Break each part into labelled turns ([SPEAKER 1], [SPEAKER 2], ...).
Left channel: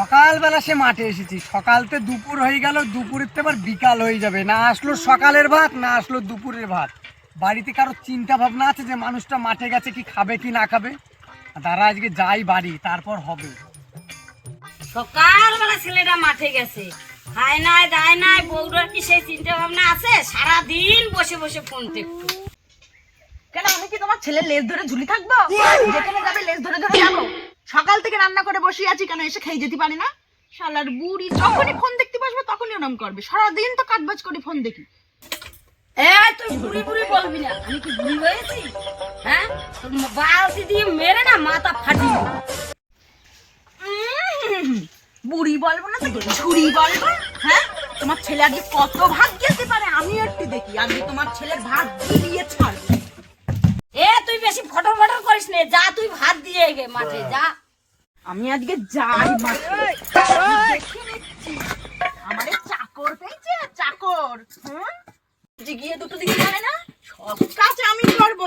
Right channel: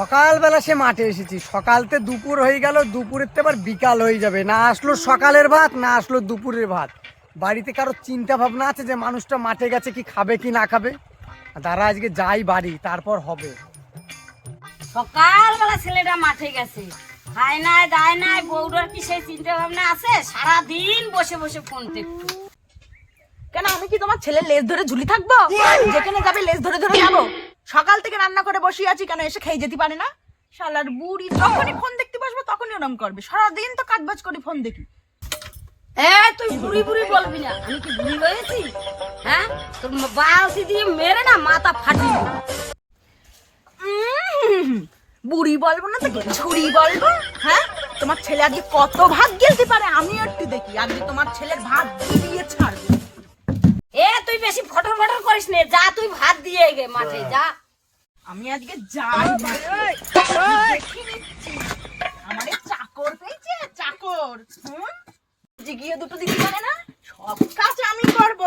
[SPEAKER 1] সকালবেলা সে মাঠে এসেছি। সকালতে দুপুর হয়ে গেল দুপুরের তো আবার বিকাল হয়ে যাবে। না আসলো সকালের ভাত না আসলো দুপুরের ভাত। বাড়িতে কারও চিন্তা ভাবনা আছে যে মানুষটা মাঠে গেছে কি খাবে কি না খাবে? তারা আজকে যাই বাড়ি তারপর হবে।
[SPEAKER 2] সকালবেলা ছেলেটা মাঠে গেছে। খায় নাই দায় নাই বউটার কি সেই চিন্তা ভাবনা আছে? সারাদিন বসে বসে ফোন দেখতো।
[SPEAKER 3] কেন আমি কি তোমার ছেলের লেজ ধরে ঝুলি থাকব? যেখানে যাবে লেজ ধরে ধরে যাব সকাল থেকে রান্না করে বসে আছি কেন এসে খেয়ে যেতে পারে না? শালার বুড়ি যখনই ফোন দেখতে বসবে তখনই ওরম করবে। সারাদিন তো কাজ বাজ করে ফোন দেখি।
[SPEAKER 2] এ তুই বুড়ি বুড়ি বলবি না আমি কি বুড়ি হয়েছি? হ্যাঁ? তোর বালতি দিয়ে মেরে না মাথা ফাটিয়ে
[SPEAKER 3] বুড়ি বলব না তো ঝুড়ি বলব? হ্যাঁ? তোমার ছেলে আজকে কত ভাত গেলতে পারে আমি একটু দেখি। আজকে তোমার ছেলের ভাত দিয়ে ছাড়বে।
[SPEAKER 2] এ তুই বেশি ফটর ফটর করিস নে। যা তুই ভাত দিয়ে গে মাঠে যা।
[SPEAKER 3] আমি আজকে যাই। আমারে চাকর পেয়েছে চাকর। হুম? যে গিয়ে দুটো দিকে জানে না সব কাজ আমি করব।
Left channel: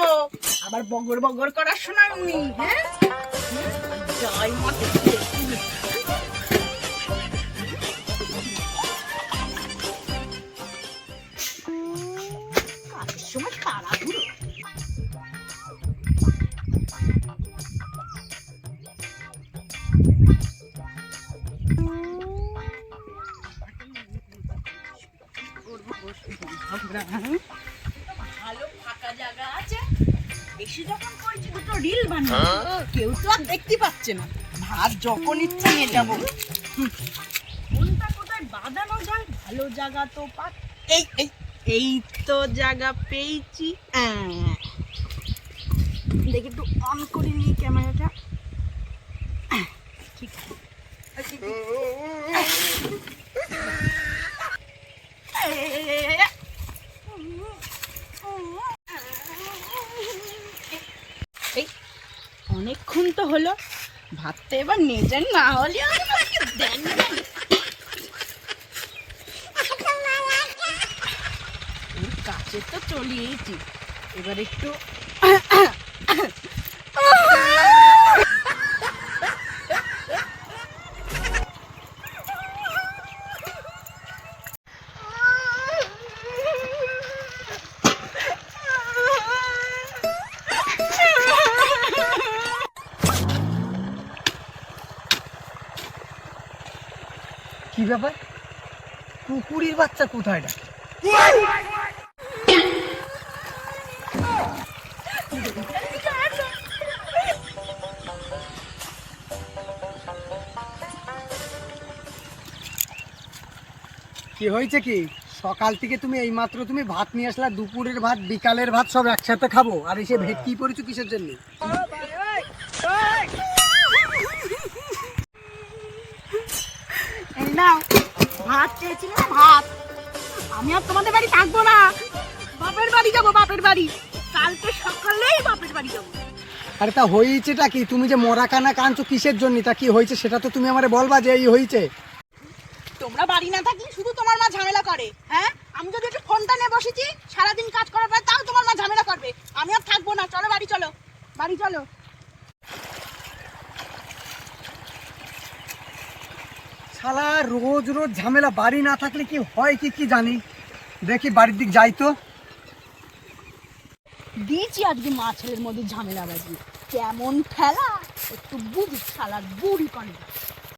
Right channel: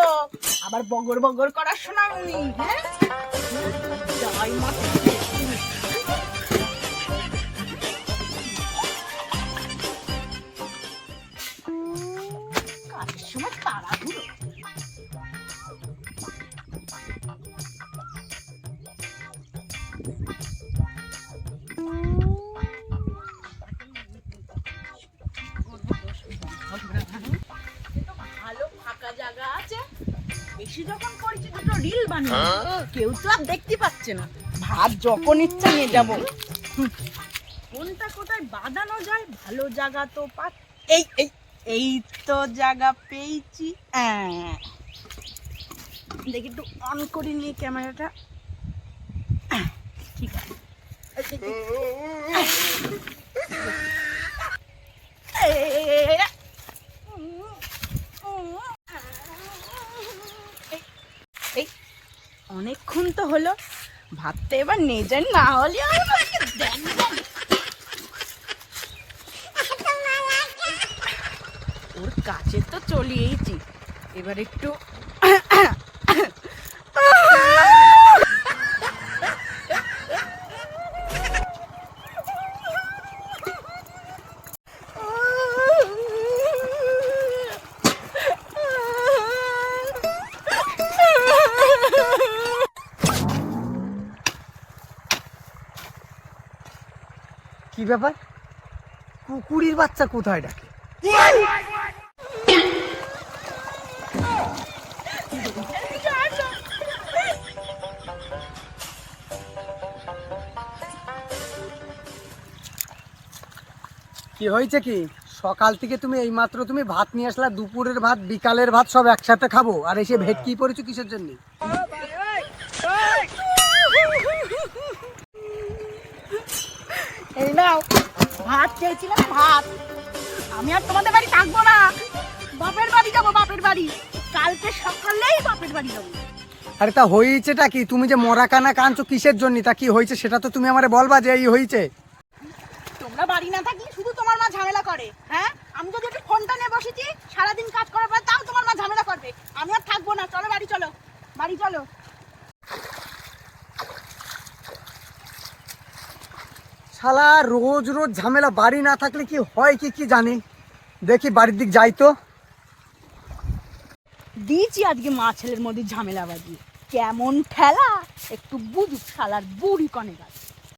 [SPEAKER 3] আবার বগর বগর করার সময় উনি হ্যাঁ যাই মাঠে ভালো ফাঁকা জায়গা আছে। বেশি যখন করেছি দুটো রিল বানিয়ে কেউ তো আর দেখতে পাচ্ছে না। ভাত যখন ইচ্ছা নিয়ে যাব। কোনটা কোথায় বাঁধানো যায় ভালো জায়গা তো পা এই এই এই তো জায়গা পেয়েছি। দেখি একটু অন করে ক্যামেরাটা ঠিক আছে এই, এই, এই। এই, এই, এই, এই, এই। এই অনেকক্ষণ তো হলো ভাতটা এবার নেজেন না হলে। ওর কাছে তো চলিয়েছি এবার একটু
[SPEAKER 1] কি ব্যাপার? কুকুরির বাচ্চা কোথায় ডাকে? কি হয়েছে কি? সকাল থেকে তুমি এইমাত্র তুমি ভাত নিয়ে আসলা, দুপুরের ভাত, বিকালের ভাত সব একসাথে খাব, আর এসে ভেটকি পড়েছো কিসের জন্য?
[SPEAKER 3] নাও ভাত চেয়েছিলাম ভাত। আমি আর তোমাদের বাড়ি থাকব না। বাপের বাড়ি যাব বাপের বাড়ি। কালকে সকালেই বাপের বাড়ি যাব।
[SPEAKER 1] আরে তা হয়েছেটা কি? তুমি যে মরা কানা কাঁদছো কিসের জন্য? তা কি হয়েছে সেটা তো তুমি আমারে বলবা যে এই হয়েছে।
[SPEAKER 3] তোমরা বাড়ি না থাকলে শুধু তোমার মা ঝামেলা করে হ্যাঁ? আমি যদি একটু ফোনটা নিয়ে বসেছি সারাদিন কাজ করার পর তাও তোমার মা ঝামেলা করবে। আমি আর থাকব না। চলো বাড়ি চলো। বাড়ি চলো।
[SPEAKER 1] শালা, রোজ রোজ ঝামেলা, বাড়ি না থাকলে কি হয় কি কি জানি। দেখি বাড়ির দিক যাই তো।
[SPEAKER 3] দিয়েছি আজকে মা ছেলের মধ্যে ঝামেলা বাজি কেমন খেলা একটু বুড়ি শালার বুড়ি কনে